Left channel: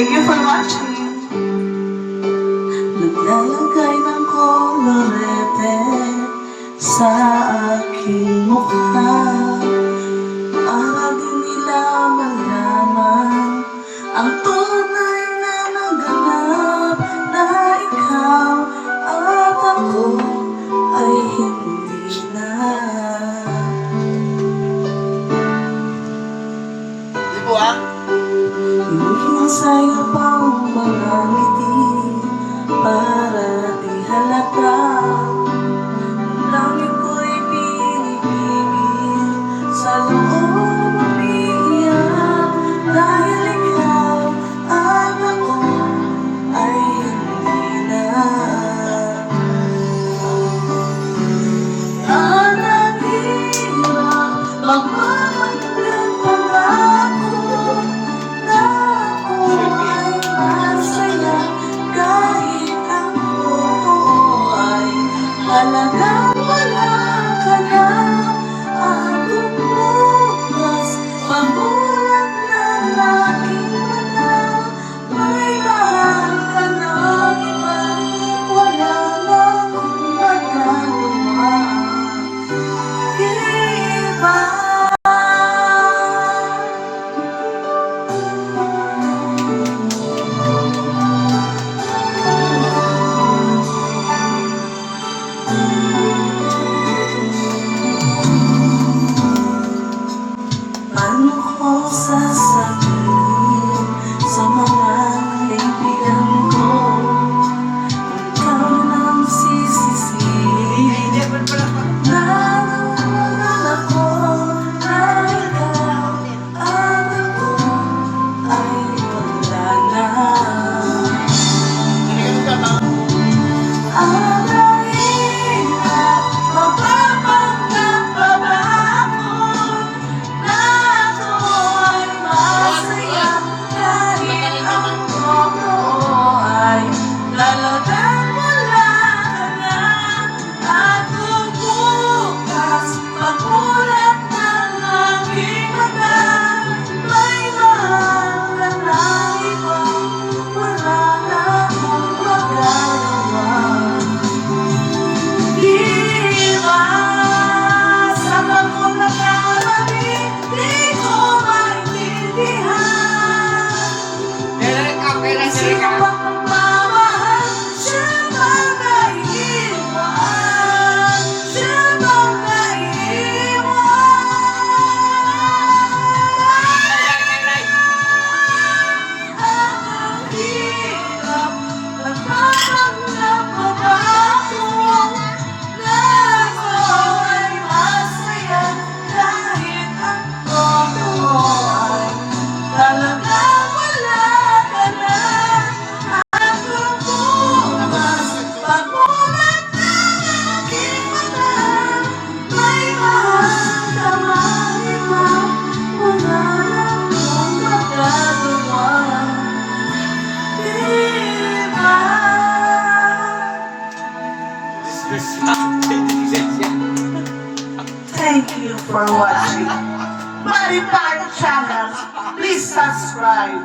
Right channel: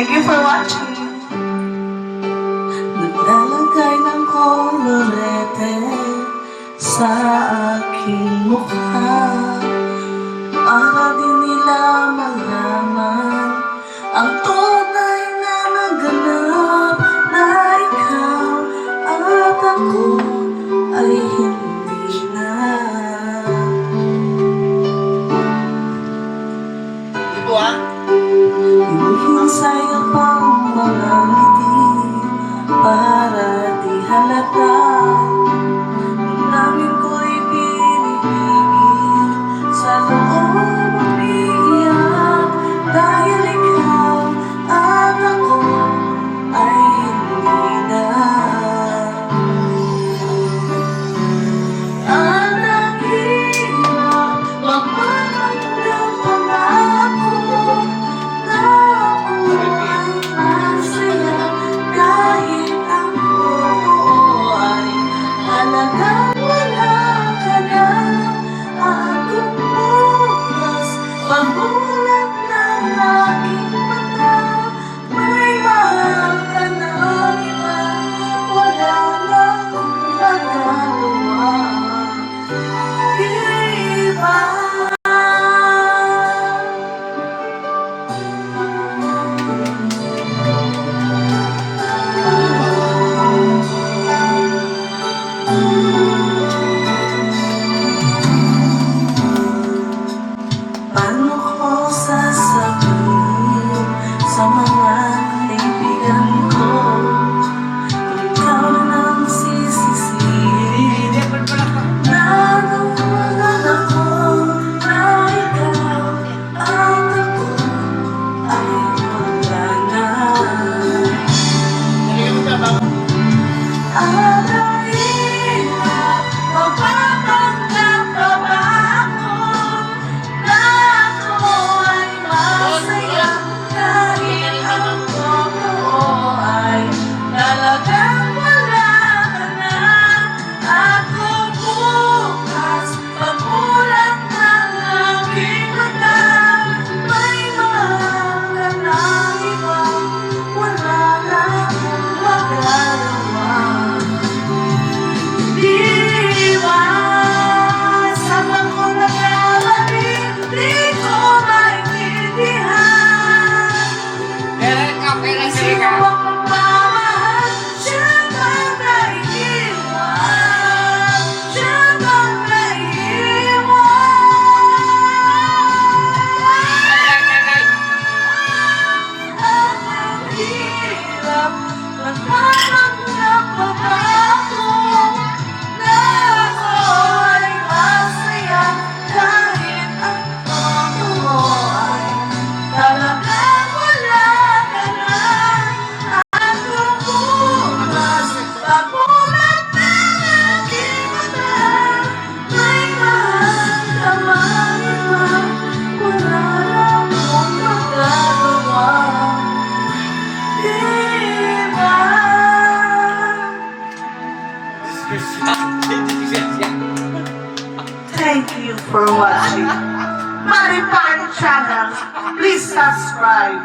Thank you for watching. Naglalagay ng kolorete sa aking mukha para di nila malaman ang tunay na naganap na ikaw at ako ay hindi na. Di po ah? Hinihinsay ang pang mga ngiti para di halata. Ang langit ko'y pinipigil sa loob umiiyak dahil ikaw at ako ay hindi na. Ang hirap magpapanggap pangako na ako ay masaya kahit ang totoo ay halagang wala ka na. At bukas pamulat ng aking mata, may mahal ka ng iba, wala na akong magagawa. Iba. Paano ko sasabihin sa mga kaibigan ko kung ikaw nang sisisihin na nawalan ako na ikaw at ako ay wala na. Ang hirap mapapanggap pa ba ako na ako ay masaya kahit ang totoo ay talagang wala ka na. Ako bukas pamulat ng aking mata, may mahal ka ng iba, wala na akong magagawa. Di ba sana ko nagkakaroon, di ko maintindihan. Sino bang magmamahal? Siya bang naiiwan? Siya bang naiiwan? Ang hirap nagpapanggap pa ba ako na ako ay masaya kahit ang totoo ay talagang wala ka na. Ako bukas pamulat ng aking mata, may mahal ka man iba, wala akong magagawa. Diba? Thank you for watching Maripang Channel. Please subscribe.